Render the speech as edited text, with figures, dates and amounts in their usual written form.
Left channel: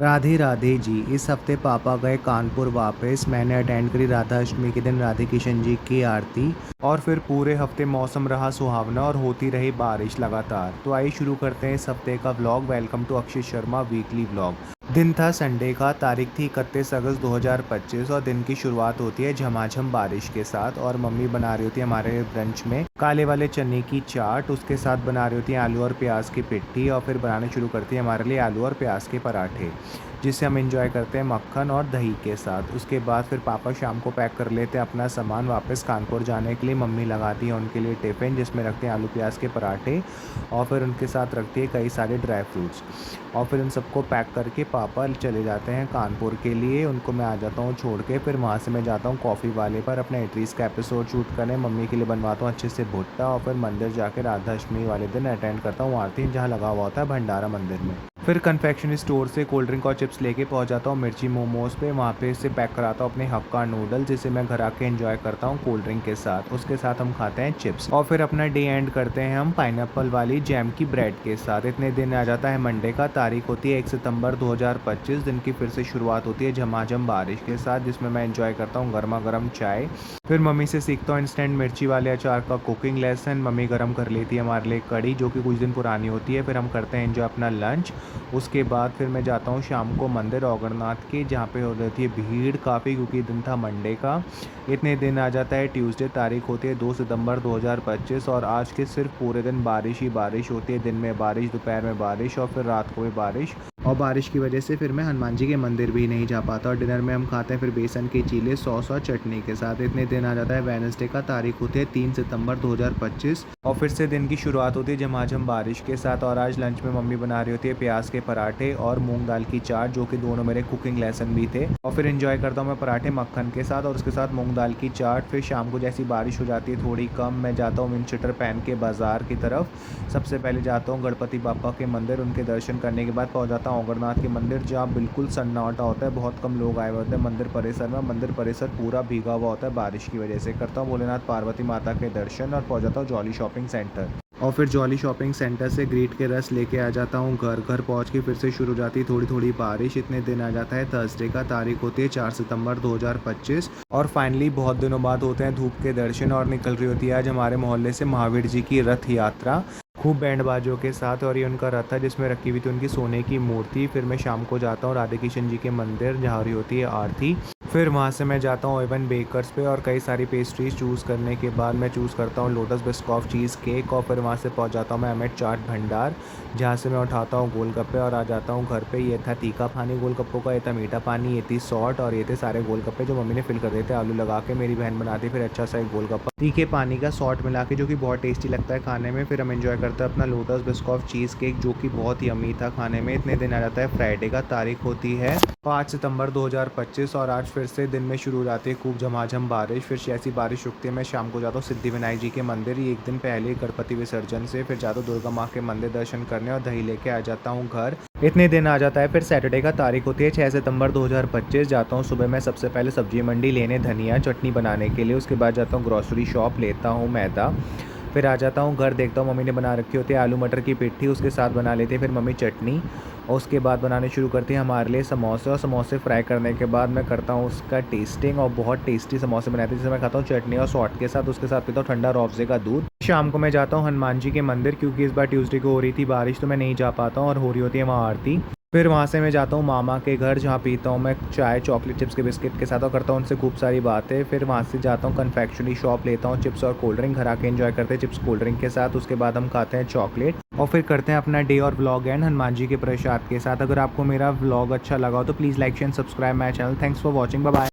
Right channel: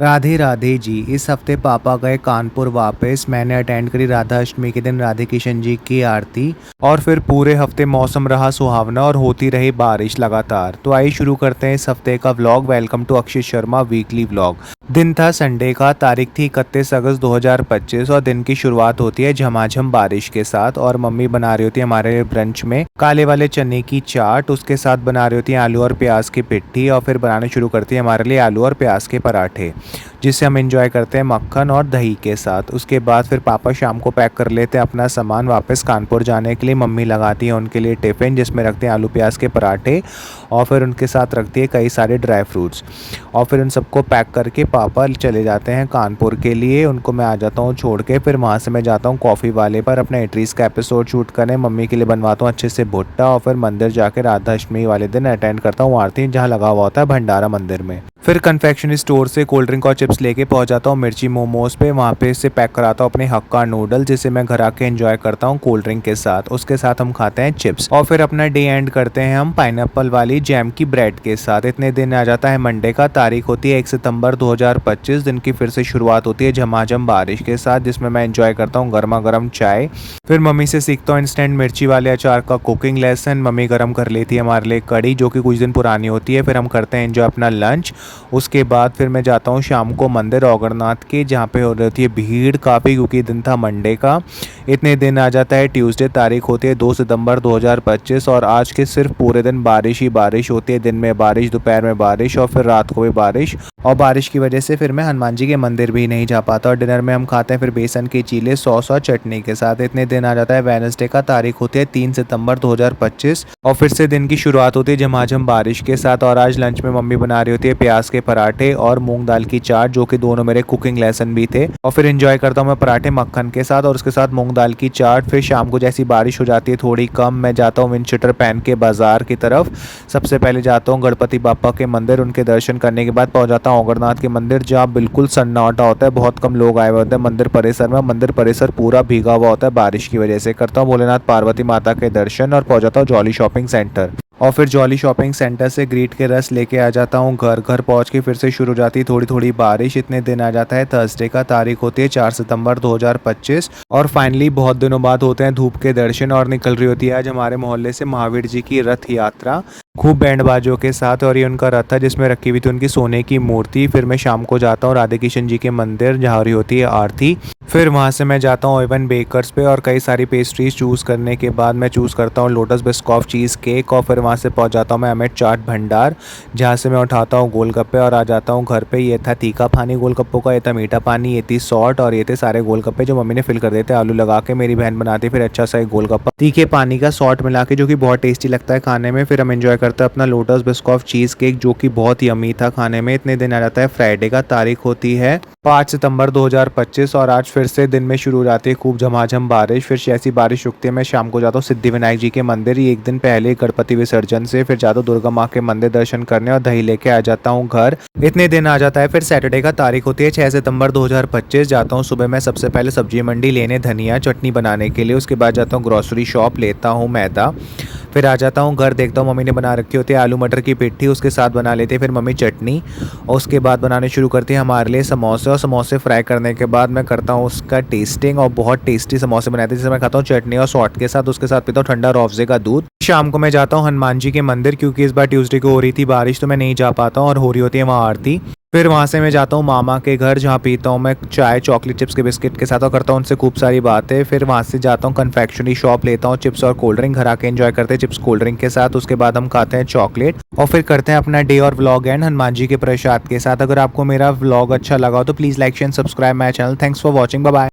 राधे राधे जी। इस हफ्ते पापा गए कानपुर वापस। मैंने अटेंड करी राधा अष्टमी के दिन राधे किशन जी की आरती। और फिर पूरे हफ्ते मौसम रहा सुहावना और होती रही बारिश लगातार। तो आइए शुरू करते हैं इस हफ्ते का vlog. Welcome to Akshay Sharma weekly vlog. दिन था संडे का, तारीख थी 31 अगस्त 2025 और दिन की शुरुआत होती है झमाझम बारिश के साथ। और मम्मी बना रही होती है हमारे ब्रंच में काले वाले चने की चाट, उसके साथ बना रही होती है आलू और प्याज की पिट्ठी, और फिर बनाने शुरू करती है हमारे लिए आलू और प्याज के पराठे, जिसे हम एंजॉय करते हैं मक्खन और दही के साथ। उसके बाद फिर पापा शाम को पैक कर लेते हैं अपना सामान वापस कानपुर जाने के लिए। मम्मी लगाती है उनके लिए टिफ़िन जिसमें रखते हैं आलू प्याज के पराठे, और फिर उनके साथ रखती है कई सारे ड्राई फ्रूट्स। और फिर उन सबको पैक करके पापा चले जाते हैं कानपुर के लिए। उनको मैं आ जाता हूँ छोड़ के। फिर वहाँ से मैं जाता हूँ कॉफ़ी वाले पर अपना एट्रीज का एपिसोड शूट करने। मम्मी के लिए बनवाता हूँ अच्छे से भुट्टा, और फिर मंदिर जाकर राधा अष्टमी वाले दिन अटेंड करता हूँ आरती, जहाँ लगा हुआ होता है भंडारा मंदिर में। फिर कन्फेक्शनरी स्टोर से कोल्ड ड्रिंक और चिप्स लेके पहुंच जाता हूँ मिर्ची मोमोज पे। वहाँ पे से पैक कराता हूँ अपने हक्का नूडल, जिसे मैं घर आके एंजॉय करता हूँ कोल्ड ड्रिंक के साथ। उसके साथ हम खाते हैं चिप्स, और फिर अपना डे एंड करते हैं हम पाइनएप्पल वाली जैम की ब्रेड के साथ। इतने दिन आ जाता है मंडे का, तारीख होती है 1 सितंबर 2025। दिन की फिर से शुरुआत होती है झमाझम बारिश के साथ, जिसमें मैं एंजॉय करता हूँ गर्मा गर्म चाय। फिर मम्मी से सीखता हूँ इंस्टेंट मिर्ची वाले अचार का कुकिंग लेसन। मम्मी गर्म कर लेती है हमारे लिए कड़ी, जो कि कुछ दिन पुरानी होती है। फिर हम करते हैं एंजॉय अपना लंच। उसके बाद फिर मैं जाता हूँ शाम को मंदिर औगरनाथ के, जहाँ पे हो रही है भीड़ काफ़ी, क्योंकि दिन था मंडे का। इतने दिन आ जाता है ट्यूसडे, तारीख होती है 2 सितंबर 2025, और आज के सिर्फ पूरे दिन बारिश ही बारिश होती है। दिन में बारिश, दोपहर में बारिश, और फिर रात को भी बारिश। और बारिश की वजह से फिर मैं हनुमान जी के मंदिर भी नहीं जा पाता। और डिनर में हम खाते हैं फिर बेसन के चीले सॉस और चटनी के साथ। इतने दिन आ जाता है वेडनेसडे का, तारीख होती है 3 सितंबर 2025, और फिर से दिन की शुरुआत होती है झमाझम बारिश के साथ। और आज लंच में मम्मी बना रही होती है प्याज के पराठे और मूंग दाल की चाट, जो कि दोनों मेरे कुकिंग लेसन भी थे। और फिर एंजॉय करता हूँ मैं पराठे मक्खन के साथ और उसके साथ मूंग दाल की चाट। फिर शाम को जैसी बारिश हो जाती है थोड़ी कम, मैं जाता हूँ विंड शीटर पहन के बाजार की तरफ। सबसे पहले जाता हूँ गणपति बापा के मंदिर। उनके दर्शन करने के बाद पहुंच जाता हूँ औगरनाथ के मंदिर, जहाँ बिल्कुल सन्नाटा होता है, बहुत कम लोग आए हुए होते हैं मंदिर परिसर में। मंदिर परिसर पूरा भीगा हुआ होता है बारिश की वजह से। करता हूँ भोलेनाथ पार्वती माता के दर्शन और पहुंच जाता हूँ जॉली शॉपिंग सेंटर। और फिर जॉली शॉपिंग सेंटर से ग्रीट के रस लेके आ जाता हूँ घर। घर पहुँच के फिर से शुरू हो जाती है थोड़ी थोड़ी बारिश। इतने दिन आ जाता है थर्सडे का, तारीख होती है 4 सितंबर 2025, और फाइनली बहुत दिनों बाद होते हैं धूप के दर्शन। और निकल रही होती है आज हमारे मोहल्ले से महावीर जी की रथ यात्रा, खूब बैंड बाजों के साथ। और ये उनका रथ है जिसमें रखी हुई थी उनकी सोने की मूर्ति। फिर मैं शाम को जाता हूँ राधे किशन जी के मंदिर, जहाँ हो रही होती है आरती। फिर वहाँ से मैं जाता हूँ ओवन बेकर्स पे, और कई सारी पेस्ट्रीज चूज़ करने के बाद मैं चूज़ करता हूँ लोटस बिस्कॉफ चीज़ केक। और फिर वहाँ से पहुँच जाता हूँ मैं अमित चाट भंडार, जहाँ से मैं उठाता हूँ गोलगप्पे और आ जाता हूँ घर पे। ये था तीखा पानी गोलगप्पों का, ये था मीठा पानी, ये थी सॉल्ट, और ये थे सारे गोलगप्पे जो मम्मी ने फिल कर देते आलू लगा के। मेरी बहन बनाती फिर अच्छा सा एक गोलगप्पा तीखे पानी का सॉल्ट मिला के, जो कि बहुत टेस्टी लगता है खाने में। फिर हम एंजॉय करते हैं अपना लोटस बिस्कॉफ चीज़ केक, जो कि बहुत यमी था खाने में। इतने दिन आ जाता है फ्राइडे का, तारीख होती है 5 सितंबर 2025, और आज फिर से दिन में शुरू हो जाती है खूब झमाझम बारिश। फिर जैसी बारिश रुकती है मैं शाम को जाता हूँ सिद्धिविनायक जी के मंदिर। ये एक दिन पहले गणपति विसर्जन से। फिर जाता हूँ दुर्गा माँ के मंदिर दर्शन करने और दही लेके आ जाता हूँ घर। इतने दिन आ जाता है फिर सैटरडे का, तारीख होती है 6 सितंबर 2025। जाता हूँ सुबह मैं सबसे पहले सब्जी मंडी लेने धनिया चटनी बनाने के लिए। उसके बाद जाता हूँ ग्रोसरी शॉप, लेता हूँ मैदा। फिर आ जाता हूँ घर, देखता हूँ मम्मी ने बना रखी होती है आलू मटर की पिट्ठी, उसके साथ बना लेते हैं फिर मम्मी चटनी। और उसके बाद बनाने शुरू करती है हमारे लिए समोसे, और समोसे फ्राई करने के बाद मैं करता हूँ उसका टेस्टिंग। और बहुत टेस्टी समोसे बनाते हैं, जिसे मैं खाता हूँ चटनी और सॉल्ट के साथ। उसके साथ पीता हूँ ठंडा रोअफ़ज़े का दूध। शाम को मैं जाता हूँ हनुमान जी के मंदिर, क्योंकि इस बार ट्यूसडे को हो रही थी बारिश, तो मैं नहीं जा पाता हूँ, और हो रही होती है वहाँ आरती। फिर वहाँ से मैं जाता हूँ मामा के घर, जहाँ पीता हूँ मैं चाय चॉकलेट चिप्स के बिस्किट के साथ, और करता हूँ उनसे खूब सारी बातें। फिर वहाँ से जाता हूँ कन्फेक्शनरी शॉप, लेता हूँ चिप्स और कोल्ड ड्रिंक। घर आके एंजॉय करते हैं चिप्स कोल्ड ड्रिंक के साथ। उसके बाद हम खाते हैं चॉकलेट, और फिर करते हैं अपना डे और व्लॉग एंड हनुमान जी के प्रसाद के साथ। अगर आपको मेरा व्लॉग अच्छा लगा हो तो please like share subscribe my channel. Thanks for watching, bye bye.